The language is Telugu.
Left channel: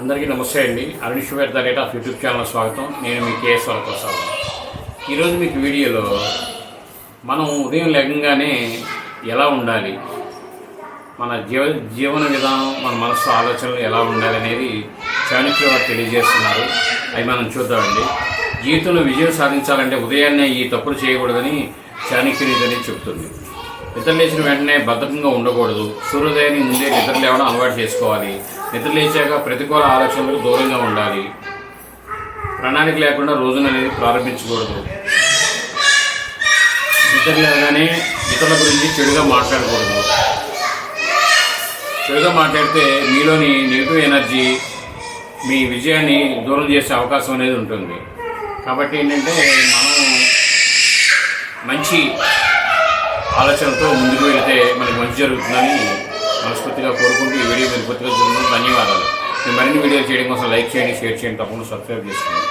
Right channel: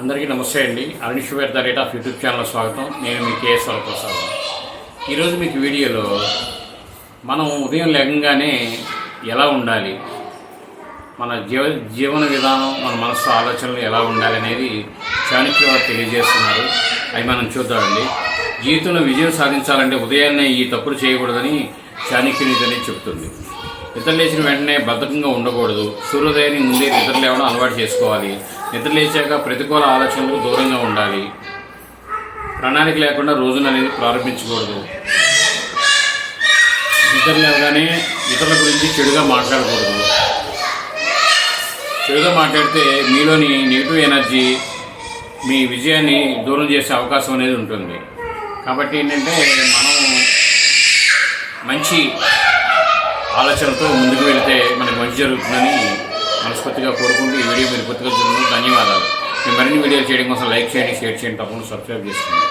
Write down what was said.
అందరికీ నమస్తే అండి. Arun the rate of YouTube channel స్వాగతం. నేను మీ కేఎస్ఆర్ ప్రసాద్. ఈరోజు మీకు వీడియోలో మనం ఉదయం లేకంగానే ఎలా ఉండాలి, మన జీవన విధానం, మన మనసు ఆలోచనలు ఎలా ఉండాలి అనేది చాణక్య వారు తెలియజేస్తున్నారు. అవి మనం చూద్దామండి. జీవితంలో విజయం సాధించాలంటే ఉదయాన్నే ఈ తప్పులు చేయకూడదని చాణక్యునిది అనేది చెబుతుంది. నిద్ర లేచిన వెంటనే బద్ధకంగా ఉండకూడదు. సూర్యోదయాన్ని ముందే నిద్ర లేవడం అలవాటు చేసుకోవాలి. నిద్ర లేచాక ప్రతికూల ఆలోచనలకు దూరంగా ఉండాలి. ప్రణాళిక లేకుండా రోజును అనేది ప్రారంభించకూడదు. నిద్ర లేవగానే ఇతరుల గురించి చెడుగా మాట్లాడకూడదు. చెడుగా మాట్లాడితే మీలోని నెగిటివ్ ఎనర్జీ మీ విజయాన్ని దూరం చేసే అవకాశం అనేది ఉంటుంది. కాబట్టి ఏంటంటే మనం మంచి ఆలోచనతో ముందుకు వెళితే మనకి మంచి జరుగుతుందని మనస్ఫూర్తిగా కోరుకుంటూ ఈ వీడియో మీరు పూర్తిగా చూడండి. ధన్యవాదాలు. మేము మరిన్ని వీడియోలు చేయడం కోసం లైక్ చేయండి, షేర్ చేయండి, తప్పకుండా సబ్స్క్రైబ్ చేసుకోండి.